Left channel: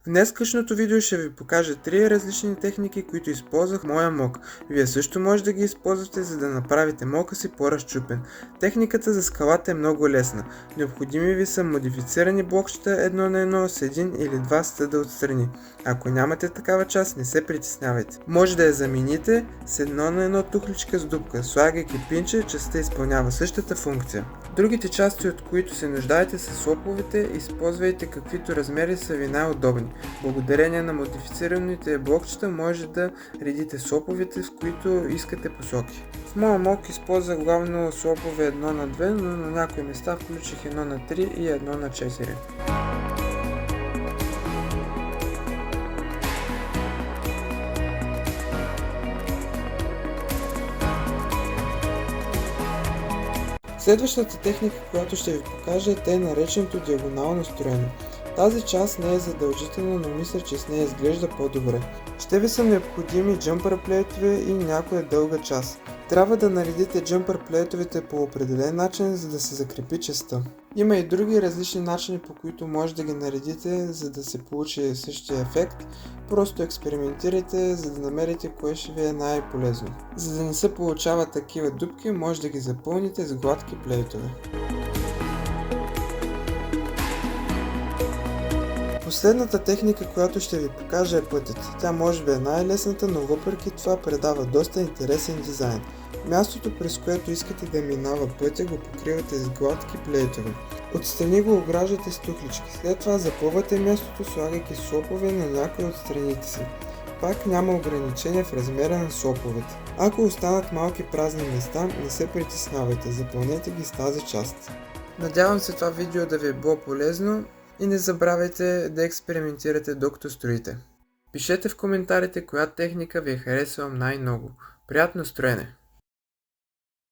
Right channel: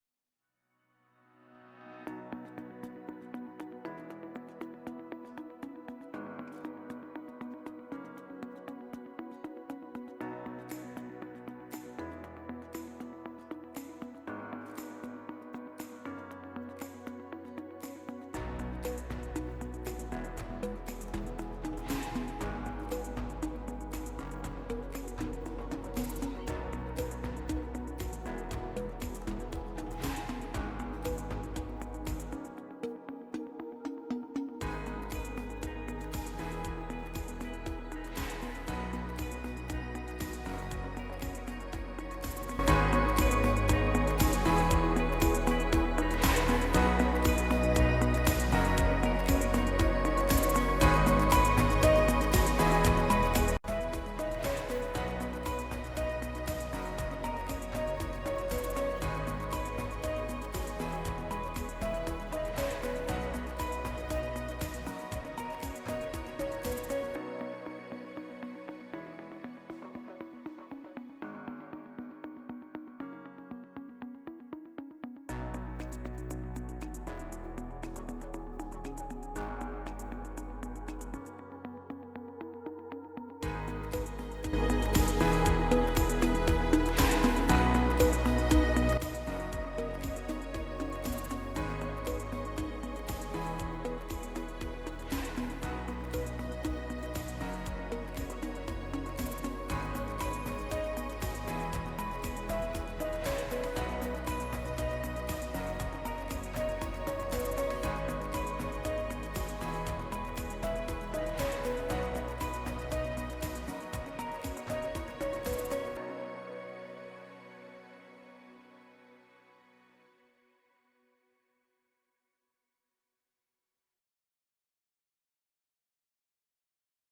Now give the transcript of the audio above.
В днескашното видео ще ви покажа 3 различни техники, които използвах в моя мок. Вие също може да ги използвате, за да направите мока си по-разчупен. Техниката за скалата е много лесна. Необходими ви са модифицирани блокчета 1 на 1 с един или два стъда отстрани. Ако нямате такава част, не се притеснявайте. Може да я замените с 1 на 1 тухличка с дупка, слагайки пинче, частта изпълнява същата функция. Другите части, от които се нуждаете, са слоповете, използвайте каквито размери са ви най-удобни. Благодарение на модифицираните блокчета може да редите слоповете, с които искате посоки. В моя мок използвах главно слопове 1 на 2, но на някои места включих 1 на 3 и 1 на 4. Следващата техника, която ще ви покажа, е нареченото диагонално строене. Тази част не е задължителна, но мисля, че с нея изглежда по-добре. Ще ви са необходими джъмпър плейтове и някоя дълга част. Трябва да наредите джъмпър плейтовете по определен начин, за да се закрепи частта. Има и други различни начини, по които може да ги наредите, за да се получи същия ефект. Просто експериментирайте, за да намерите кое ще ви е най-полезно. За да не се получават такива дупки, може да ги запълните с гладки плейтове. Последната техника, която ще ви покажа, е пътят. Тя може би е най-лесната, но въпреки това предава доста интересен дизайн. Мястото, през което искате да минава пътя, го покривате с гладки плейтове. Отстрани го ограждате с тухлички. След това запълвате мястото, слагайки слопове на някои от страните си. Пак няма ограничение в размера на слоповете. Ако останат малки празни места, не се притеснявайте, запълнете ги с тази част. Надявам се това видео да ви е било полезно. И не забравяйте да експериментирате докато строите. Пишете в коментарите коя техника ви е харесала най-много. Приятно строене!